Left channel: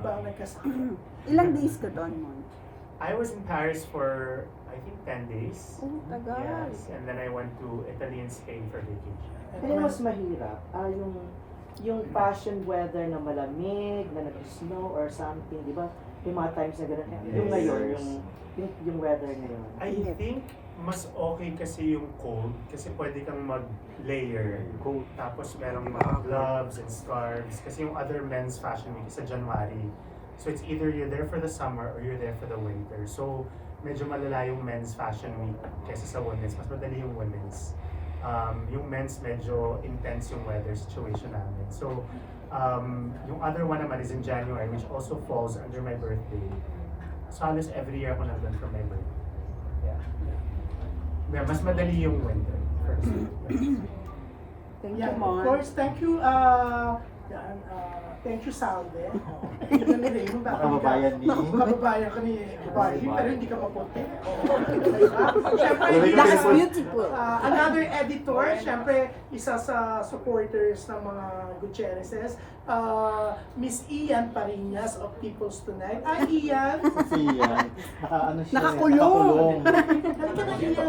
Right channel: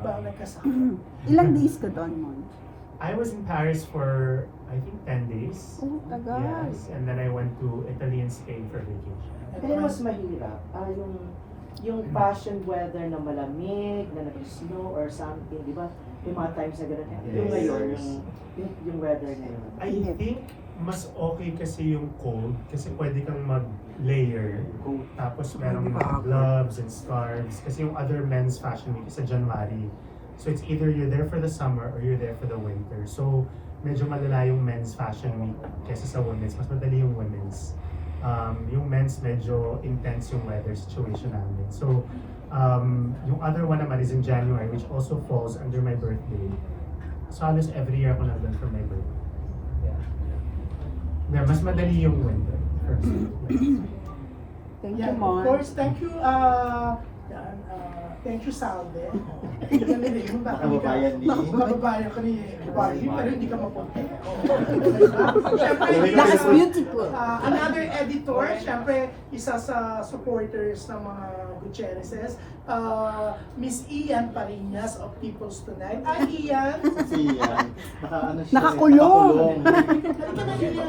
ba nagkasama? Ilang days ka doon mo? I was in Paris for, I think, 10 days. Oh, tagal. Yes, and then I went to Italy and Spain for vacation. Pero mas mahirap, yung fashion weather na malamig, na nag-snow or something, di ba? Yung mga times na gano'n. Yung Yes. ngayon, yung weather ngayon. I think mas okay kasi yung cold kasi pwede kang mag-layer tapos merong mga gloves and scarves kasi yung other men's fashion week is sa January. So it's either you're there for the summer or you're there for the winter. So medyo malala yung men's fashion week kaysa sa women's. Mas madali yung women's. Yung men's medyo intense yung weather situation namin. So yung other one naman is in January which also falls under my birthday. So halos every year ako nandun for my birthday. Yeah, mas madali yung winter. Thank Yeah, you, of Mon. course, thank you, thank you, Salve. Kababayan ni... Kababayan ko ni Barbie, pero hindi ka mapunti. That's beautiful. Another editor, syempre, isa sa supporters ng mga Gutierrez's, Miss Ian Parinas of People's Tonight. Ay, Ian! Si Ian, nakaano siya, Nakakulong. Halika na, Ian.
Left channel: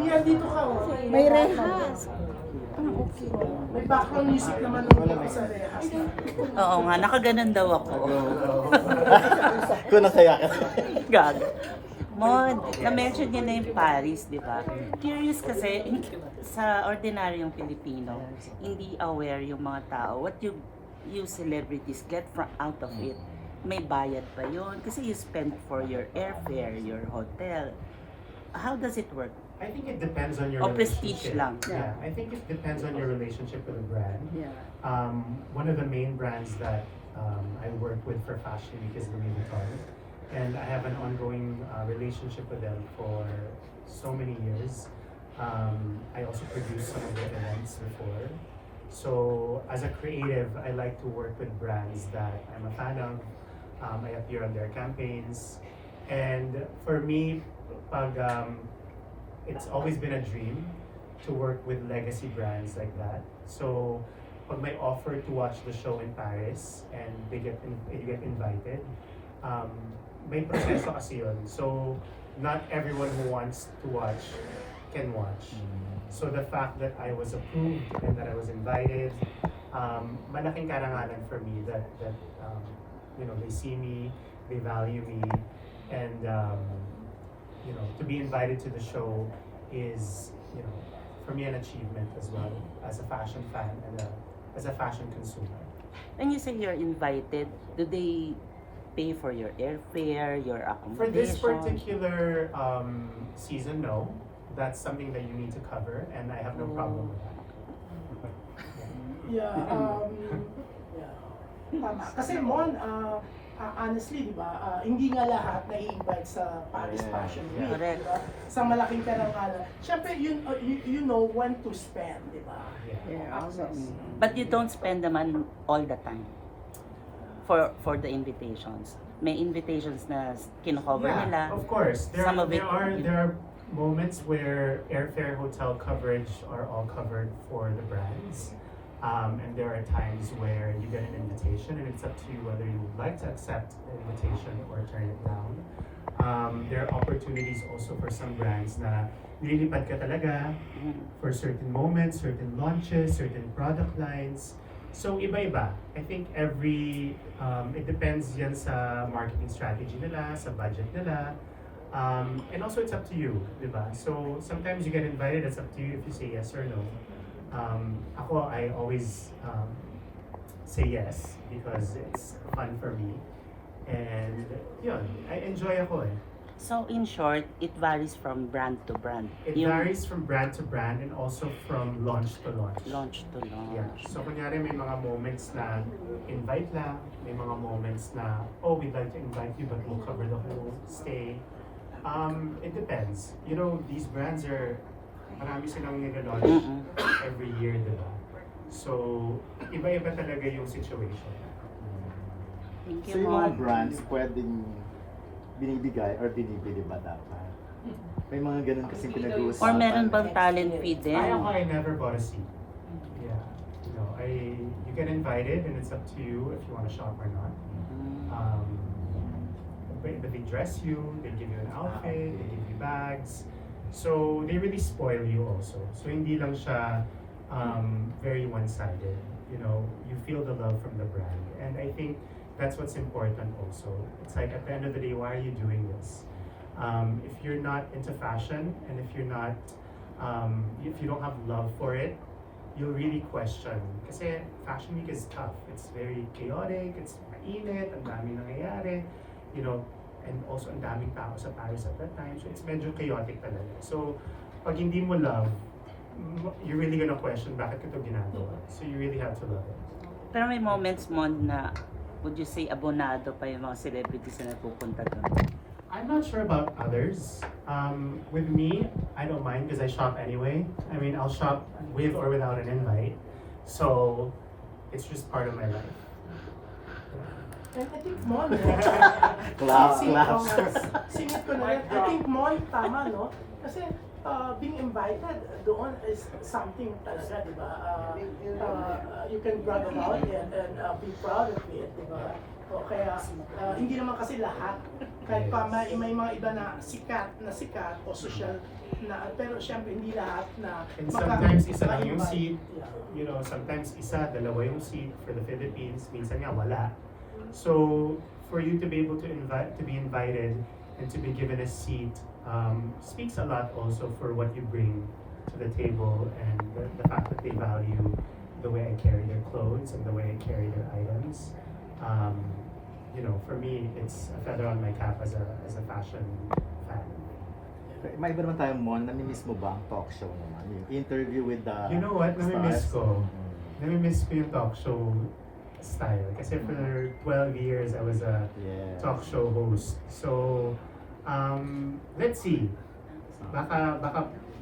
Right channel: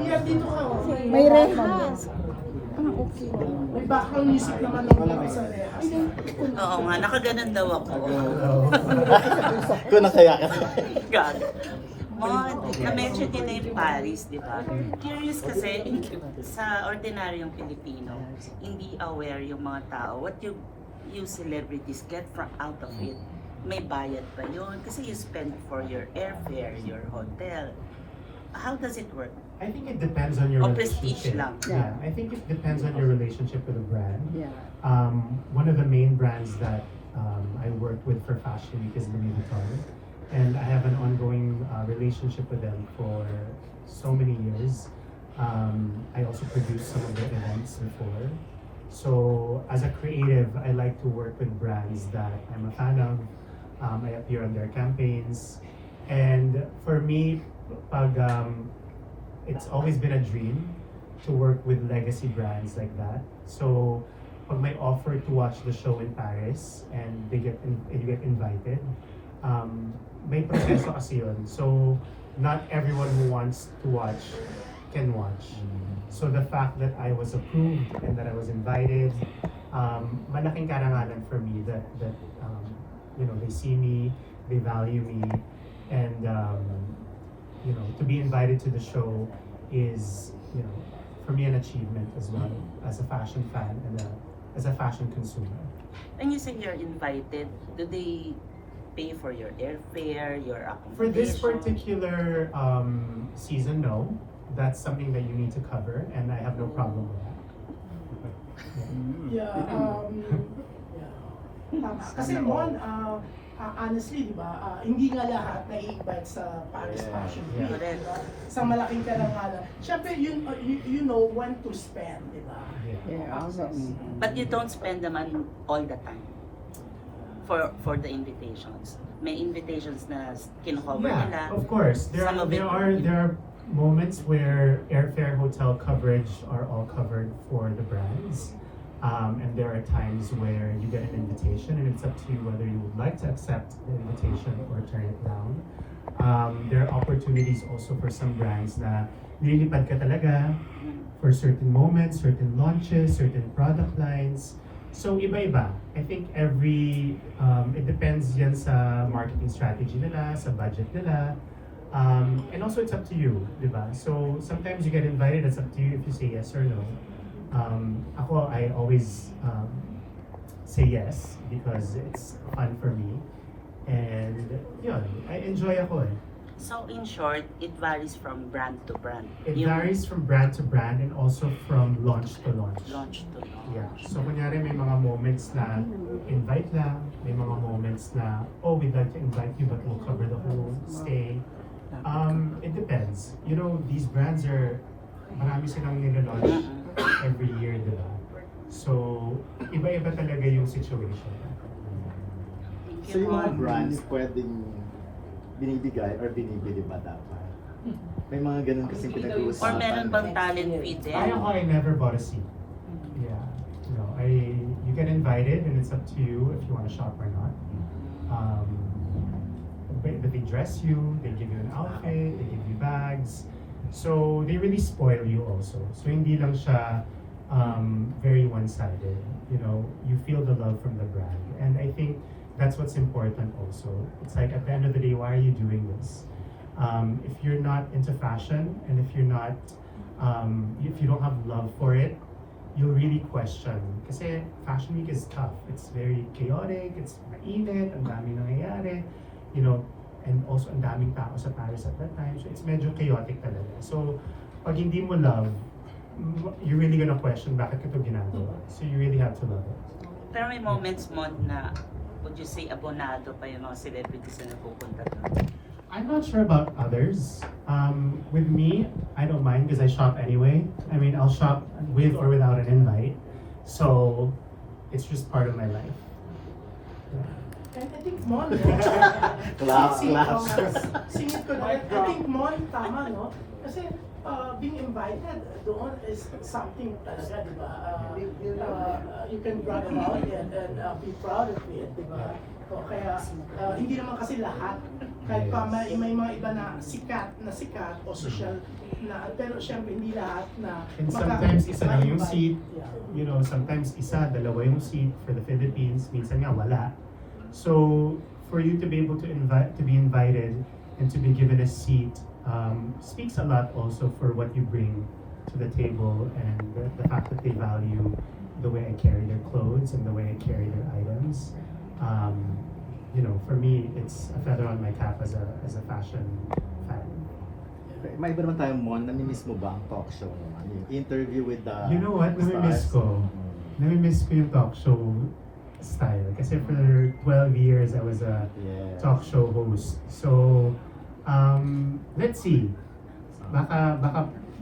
Ian, dito ka. Oh. May rehas. Okay. May background music naman ng sa rehas. Oo nga, nakaganan daw ako. Kung nakaya ka. Galit. Mon, na-mention niya na yung Paris, di ba? Curious kasi, sa ordinaryong Pilipino, hindi aware yung mga tao. What you celebrities get from out of it, may bayad pa yun. Kasi you spend for your airfare, your hotel. How does it work? I think it depends on your O prestige relationship. lang. Yeah, I think it depends on your relationship with the brand. Yeah. One of the main brands that I work with for Fashion Week is Louis Vuitton. And I have an ongoing relationship with them for so many years. I also produced some of their events before. So as a creative, I like to work with brands that I'm a fan of. I appear on their campaigns. And for me, it's always been a dream to work with legacy brands like that. So pag may offer to watch the show in Paris and you get invited, may proseso kasi yun. So not everyone who wants to watch can watch. So the fact that I was approved and that I was invited, malaking karangalan for me that you know, they see me, they value me, and you know, to be invited to the show is, you know, for me an achievement as well as a fashion fan and as a fashion consumer. When you say you're invited, do they pay for your airfare, your For this accommodation? particular season, no. That's something that you need to cover, and I have no problem with that. Yeah, tama. Kasi Mon, honestly, di ba, hindi nga lahat na-invite sa Paris Yeah. Fashion Yeah. Week. Correct. di ba? Sa malaking karangalan. Siyempre, you know when to spend, di ba? Yeah. But you don't spend the money all the time for the invitations. May invitations na kinukover nila. Yeah, of course. There Some are of it- there are moments where airfare, hotel coverage are all covered for the brands. And there are times where you get an invitation and it's up to you whether you would like to accept the invitation or turn it down. There are opportunities also for some brands na nililipad ka talaga for certain moments, certain launches, certain product lines. So iba-iba. I think it depends yan sa marketing strategy nila, sa budget nila. And also it's up to you, di ba? So sometimes you get invited, it's up to you if you say yes or no. Ako, I always say yes because it's fun for me. And yun, I enjoy ako eh. So in short, it varies from brand to brand. It Yung varies from brand to brand and also from launch to launch. launch to launch. Yeah. So kunyari may mga moments na invite lang, may mga moments na, oh, we'd like to invite you but we'll cover the whole stay. It depends. You know, these brands marami silang nila-launch every year, di ba? So, iba-iba talaga yung situation. Thank So you, yung mga Mom. brands pwedeng binibigay or binibili ba dapat? May mga ganun kasing Or pinag-uusapan. meron bang talent fee din? I never bought a seat. Yeah. You know, you get invited and it's up to you if you want to shop or not. But they dress you, they give you an outfit, they give you bags. So they really spoil you also. So hindi lang siya very one-sided. You know, you feel the love from the brand. And I think that's what's important also. It's like at the end of the day, why are you doing this? If you're not into fashion and if you're not, if you don't have love for it, you'll really question. Kasi Fashion Week is tough. It's very chaotic, it's mainit, ang daming nangyayari, you know, and also ang daming tao sa Paris at that time. So it's medyo chaotic talaga. So pag hindi mo love, you're really gonna question bakit ko ito ginagawa. So you really have to love it. Pero may moments mo na, would you say, abonado pa yung mga celebrities na pupunta doon? I'm not sure about others. With me, I don't mind because I shop anyway. I mean, I'll shop with or without an invite. So it's just part of my life. And I think Mon, Claps, si claps. I think Mon, tama, no? Kasi being invited doon is something talaga, di ba? You can brag about it and be proud of it, di ba? O kaya hindi naman kasi lahat, kahit pa may mga iba na sikat o social na, pero syempre hindi lahat na And sometimes isa lang yung ma-invite. seat, Yeah. you know, sometimes isa, dalawa yung seat for the Philippines, minsan nga wala. So for you to be able to be invited and to be given a seat speaks a lot also for what you bring to the table and the fact that they value the way I carry their clothes and the way I carry their items. You know, for me, it's a feather on my cap as a fashion fan. May iba naman tayo, Mon, namimiss mo ba ang talk show naman? Yung interview with the You know what? Namimiss stars? ko. Namimiss ko yung talk show style. Kasi for 12 years, I was a Yeah. talk show host. So, let's see. Baka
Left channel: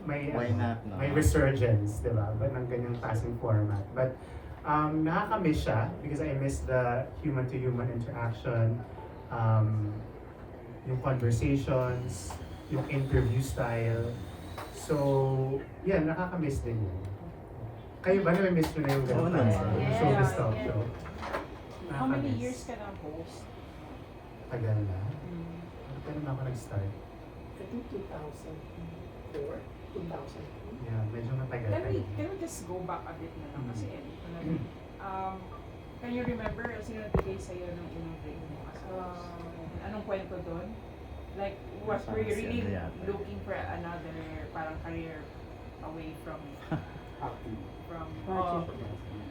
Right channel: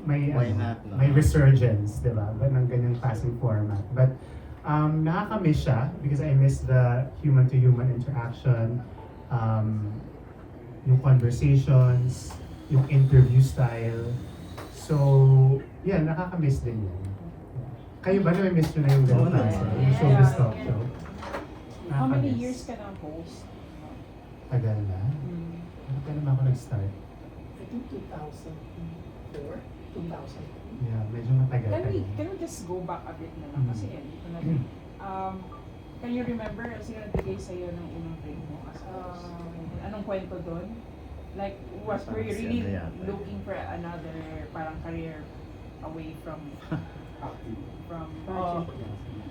may, Why not, no? may resurgence, di ba? Ng ganyang klaseng format. But, nakakamiss siya because I miss the human-to-human interaction, yung conversations, yung interview style. So, yeah, nakakamiss din yun. Kayo ba na-miss nyo na yung Oo ganun naman. klase? Yung showbiz talk show? How many Nakakamiss. years ka na host? Tagal na. Ano pa naman ako nag-start? I think 2004, 2003. Yeah, medyo matagal pa yun. Can we just go back a bit na lang kasi ito na rin. Can you remember sino nagbigay sa'yo ng unang break mo as a host? Anong kwento doon? Like, were you really Parang siya yata. looking for another parang career away from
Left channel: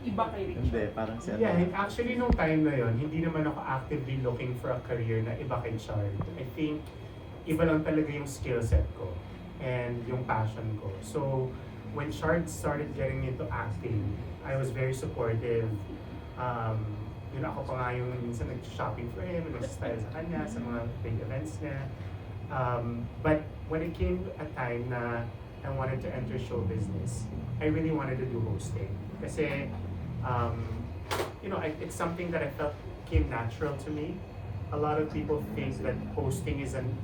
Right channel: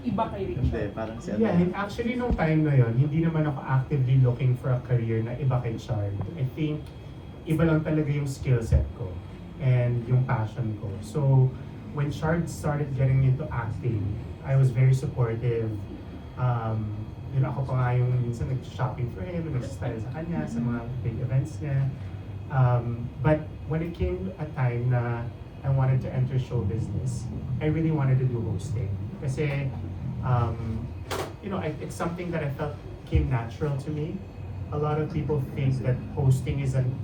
iba kay Hindi, Richard? parang siya. Yeah, and actually nung time na yon, hindi naman ako actively looking for a career na iba kay Chard. I think iba lang talaga yung skill set ko and yung passion ko. So when Chard started getting into acting, I was very supportive. You know, ako pa nga yung minsan nag-shopping for him, nag-style sa kanya, sa mga big events niya. But when it came a time na I wanted to enter show business, I really wanted to do hosting. Kasi, you know, it's something that I felt came natural to me. A lot of people think that hosting is an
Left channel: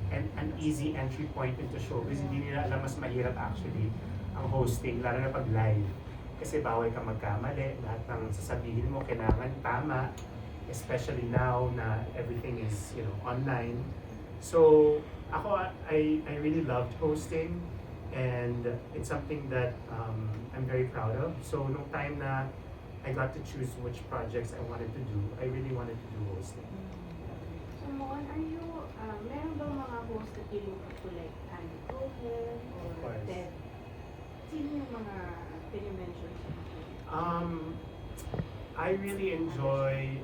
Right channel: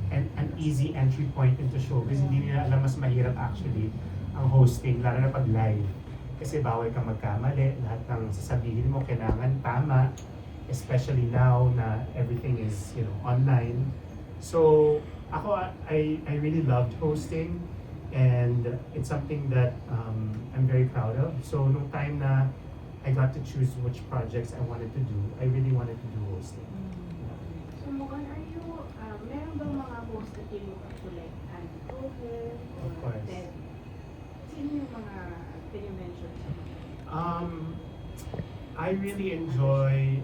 easy entry point into showbiz. Hindi nila alam mas mahirap actually ang hosting, lalo na pag live. Kasi bawal kang magkamali, lahat ng sasabihin mo kailangan tama, especially now na everything is, you know, online. So, ako, I really loved hosting and it's something that I'm very proud of. So, nung time na I got to choose which projects I wanted to do, I really wanted to do hosting. So, Mon, are you, meron ba mga host na kayo tulad Andy Cohen or Of course. Ted? Sino yung mga can you mention? I really enjoy,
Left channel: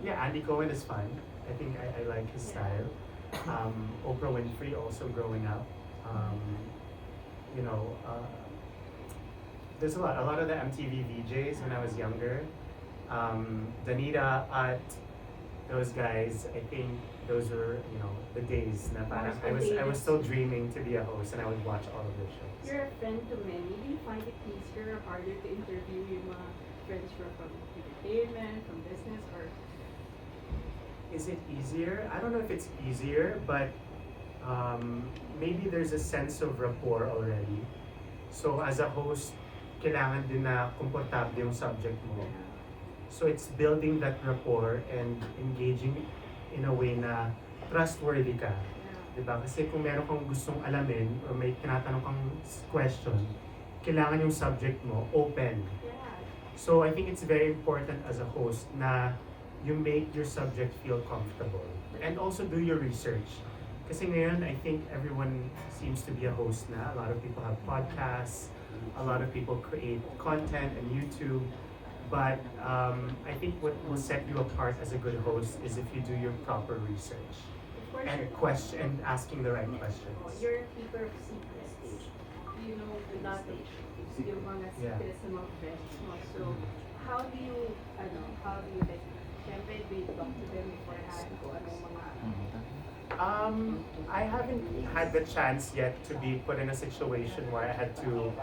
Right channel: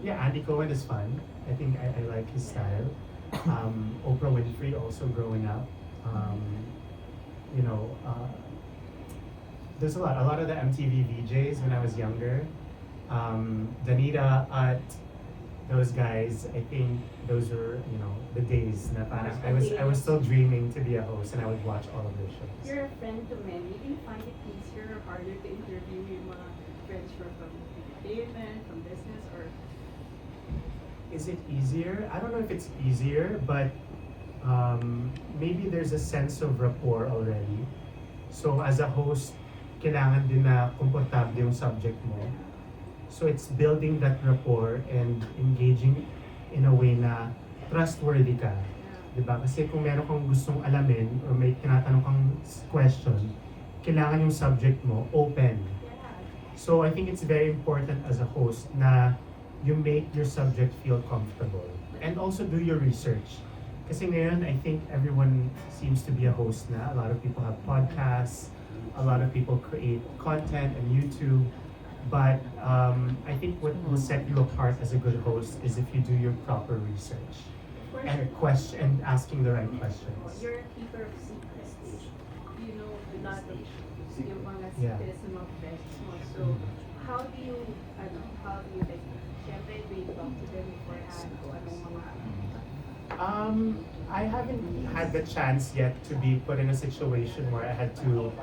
yeah, Andy Cohen is fun. I think I like his style. Oprah Winfrey also growing up. You know, there's a lot of the MTV VJs when I was younger. Danita, at those guys, I think those were, you know, the days na parang I was still dreaming to be a host and I would watch all of their shows. You're a friend to many. Do you find it easier or harder to interview yung mga friends who are from entertainment, from business, or Is it easier? I don't know if it's easier, but maybe there's a sense of rapport already. So as a host, kailangan din na komportable yung subject mo. So it's building that rapport and engaging in a way na trustworthy ka. Diba? Kasi kung meron kang gustong alamin or may tinatanong kang question, kailangan yung subject mo open. So I think it's very important as a host na you make your subject feel comfortable. And also do your research. Kasi ngayon, I think everyone seems to be a host na. A lot of people have podcasts, a lot of people create content on YouTube. But I think what will set you apart as a good host is if you do your proper research and asking the right questions. You're a keeper of secrets. You know a lot of yung mga Yeah. secrets ng mga friends mo. So, how do you like, syempre, do you talk to them beforehand kung anong mga I haven't had the chance yet to be put in a situation where I had to,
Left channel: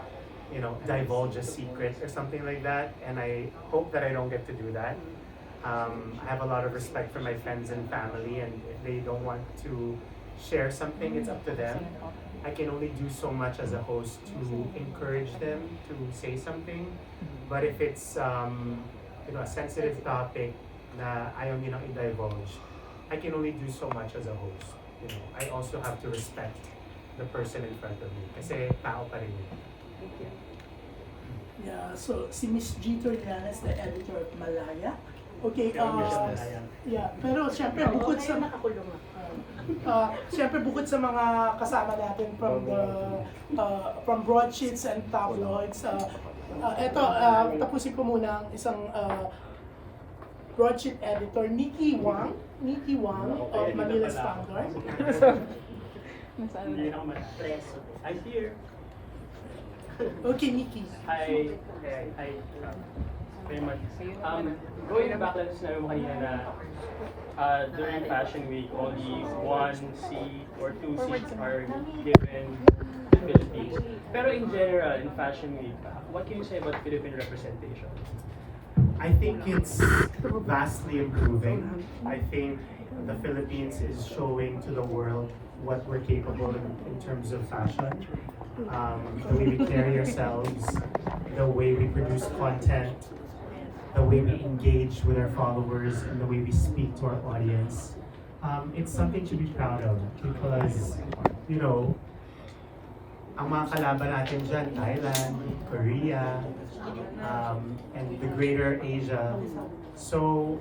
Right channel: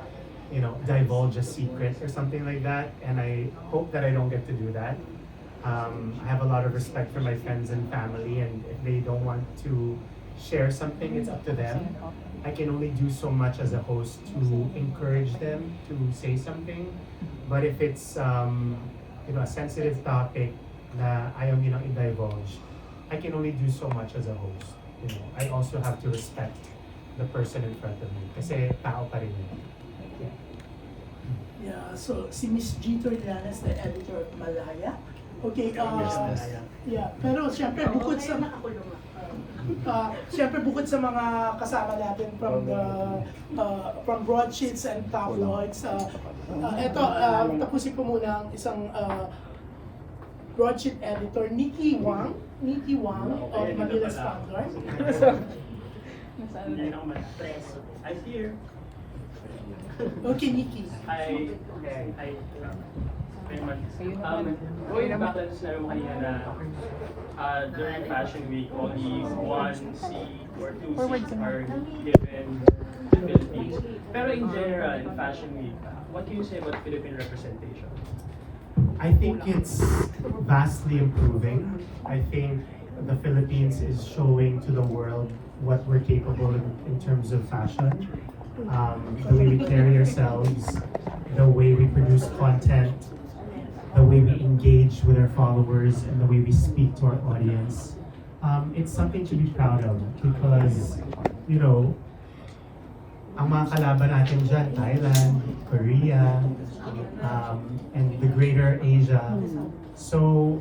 divulge a secret or something like that, and I hope that I don't get to do that. I have a lot of respect for my friends and family, and if they don't want to share something, it's up to them. I can only do so much as a host to encourage them to say something, but if it's a sensitive topic na ayaw nilang i-divulge, I can only do so much as a host. I also have to respect the person in front of me kasi tao pa rin yun. Yeah, so si Miss G. Torianes, the editor of Malaya. Okay, yeah, pero siyempre bukod sa mga kasama natin from from broadsheets and tabloids, tapusin ko muna ang isang broadsheet editor, Nikki Wang of Manila Standard. I'm here. Okay, Nikki. Going back to sinabi mo kanina na during Fashion Week, only 1 seat or 2 seats are given to Philippines. Pero in general, in Fashion Week, what can you say about Philippine representation? I think it's vastly improving. I think the Philippines is showing to the world what we're capable in terms of fashion. The way we carry ourselves, the way we produce content, the way we engage with our followers, and the way we speak to our audience. It's something to be proud of because, ang mga kalaban natin dyan, Thailand, Korea, and the greater Asia. So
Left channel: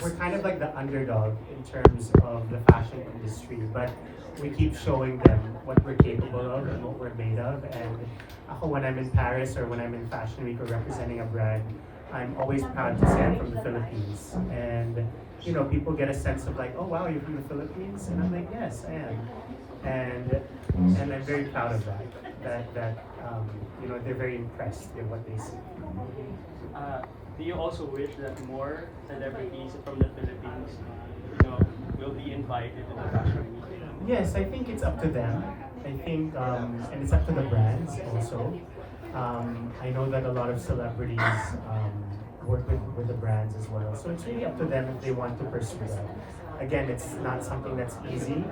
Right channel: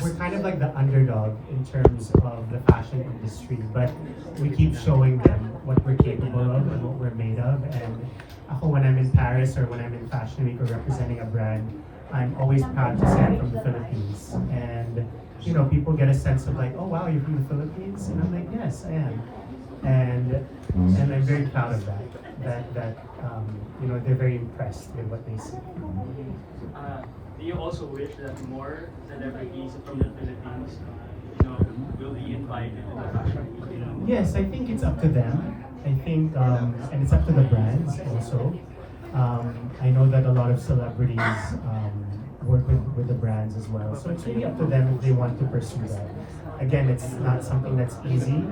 we're kind of like the underdog in terms of the fashion industry, but we keep showing them what we're capable of and what we're made of. And ako, when I'm in Paris or when I'm in Fashion Week or representing a brand, I'm always proud to say I'm from the Philippines. And people get a sense of like, oh wow, you're from the Philippines? And I'm like, yes, I am. And I'm very proud of that. That they're very impressed with what they see. Do you also wish that more celebrities from the Philippines, will be invited to the Fashion Week? Yes, I think it's up to them. I think, and it's up to the brands also. I know that a lot of celebrities work with the brands as well. So it's really up to them if they want to pursue that. Again, it's not something that's easy.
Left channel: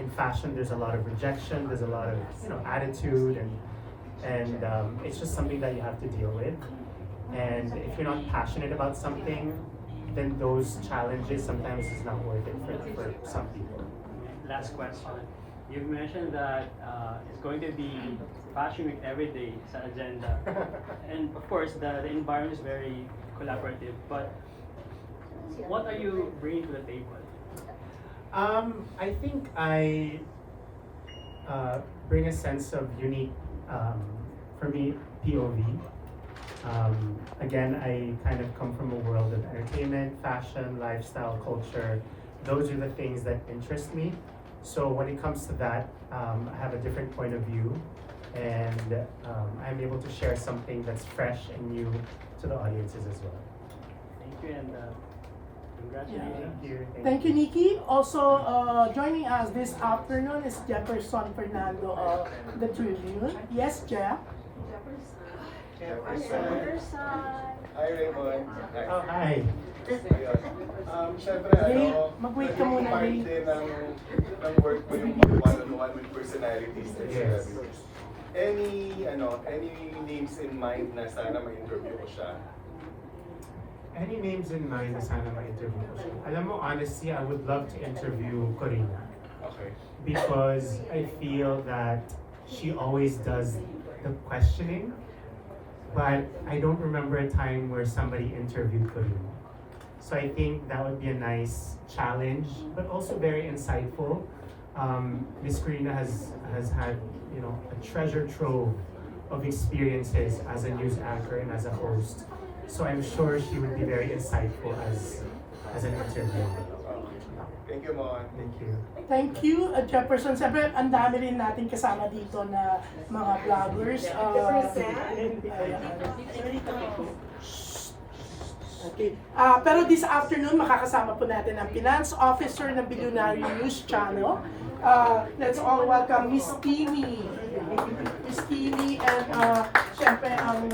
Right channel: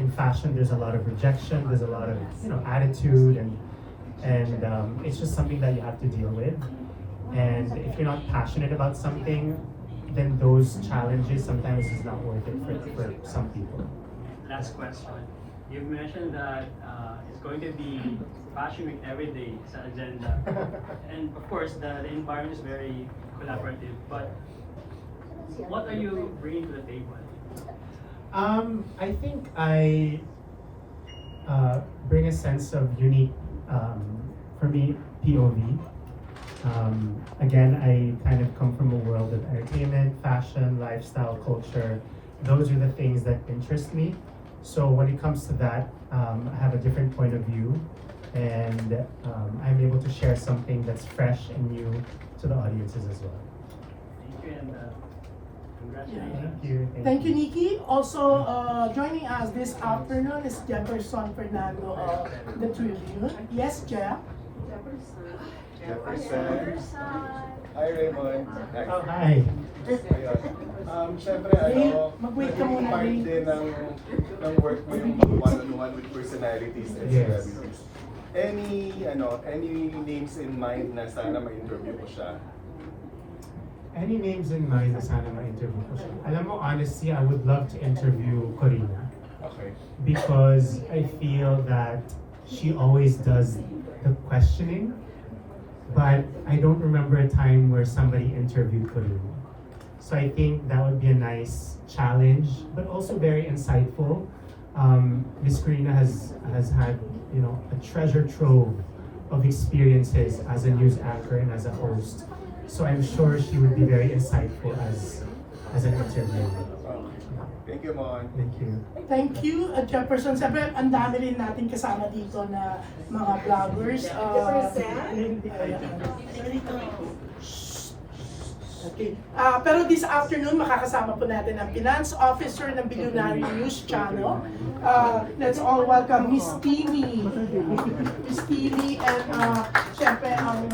In fashion, there's a lot of rejection, there's a lot of attitude, and it's just something that you have to deal with. And if you're not passionate about something, then those challenges sometimes is not worth it for some people. Last question. You've mentioned that it's going to be Fashion Week every day sa agenda. And of course, the environment is very collaborative. But what are you bringing to the table? I think I bring a sense of unique, for me, POV. Again, I kind of come from a world of entertainment, fashion, lifestyle, culture. Those are the things that interest me. So when it comes to that, I have a different point of view, and I'm able to share something that's fresh and new to the audiences as well. Thank you and congratulations. Thank you. Thank you, Nikki. Also, joining us this afternoon is Jefferson Fernando of the Tribune. Yes, Jeff? Hi, Raymond. Oh, hi. Siyempre, Mag-wait ka muna, part Ray. din ng work with one-on-one with personalities and Yes. celebrities. Any names in mind na sana ma-interview mo siya? Any names in mind na sana ma-interview ko siya? Alam mo, honestly, I would love to interview Corina. Okay. Because I feel that she always does the questioning, but I don't remember a time where somebody interviewed Corina. So I think that would be a nice challenge, but also very insightful. Miss Corina has had, you know, a treasure trove of experiences as a news anchor and as a host. So I'm sure she would be very insightful as an interviewer. Thank you, Mon. Thank you. Thank you, Jefferson. Siyempre, ang dami rin natin kasama dito na mga vloggers. Okay. Pero this afternoon, makakasama po natin ang Finance Officer ng Billionaire News Channel. Let's all welcome Miss Timmy. Miss Timmy and siyempre ang